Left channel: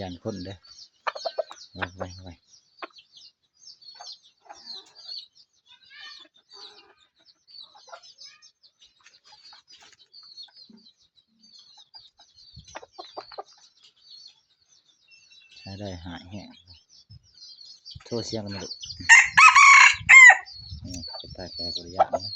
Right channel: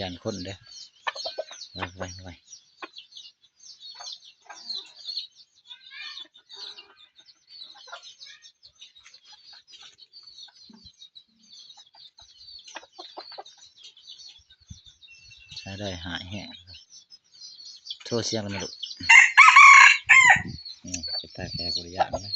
ยันคนเด้อไว้ใช้ได้หายแห้งโทษเสียงกันนะลูกนี่เป็นตาแก่กุริยะนะ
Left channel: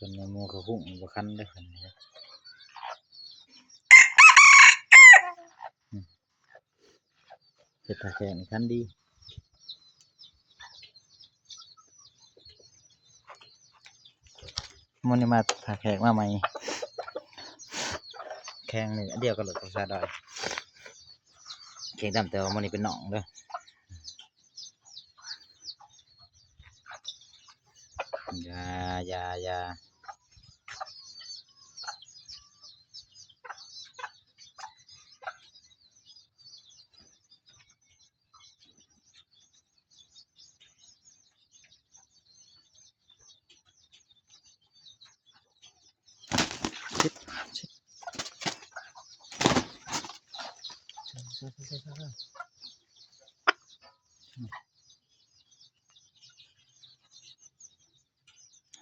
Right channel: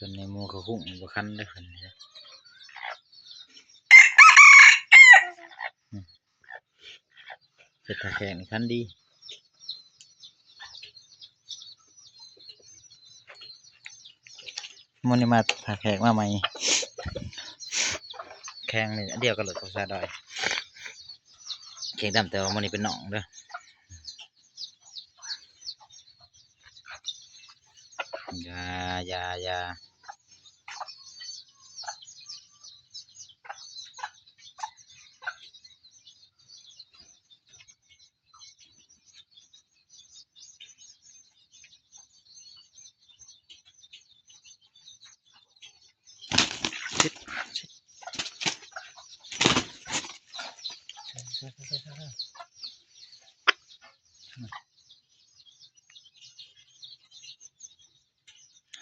คนในหมู่เขาหุ่งบ่คันได้คนนี้เป็นตาแข็งคันดีมันนี่มาตาแข็งมาใหม่แข็งนี่เดียวกันเลยกับซาดอยแข็งดำแต่ว่ามันนี่เป็นหนองเด้อยาชิด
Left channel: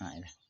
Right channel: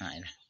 หายเลย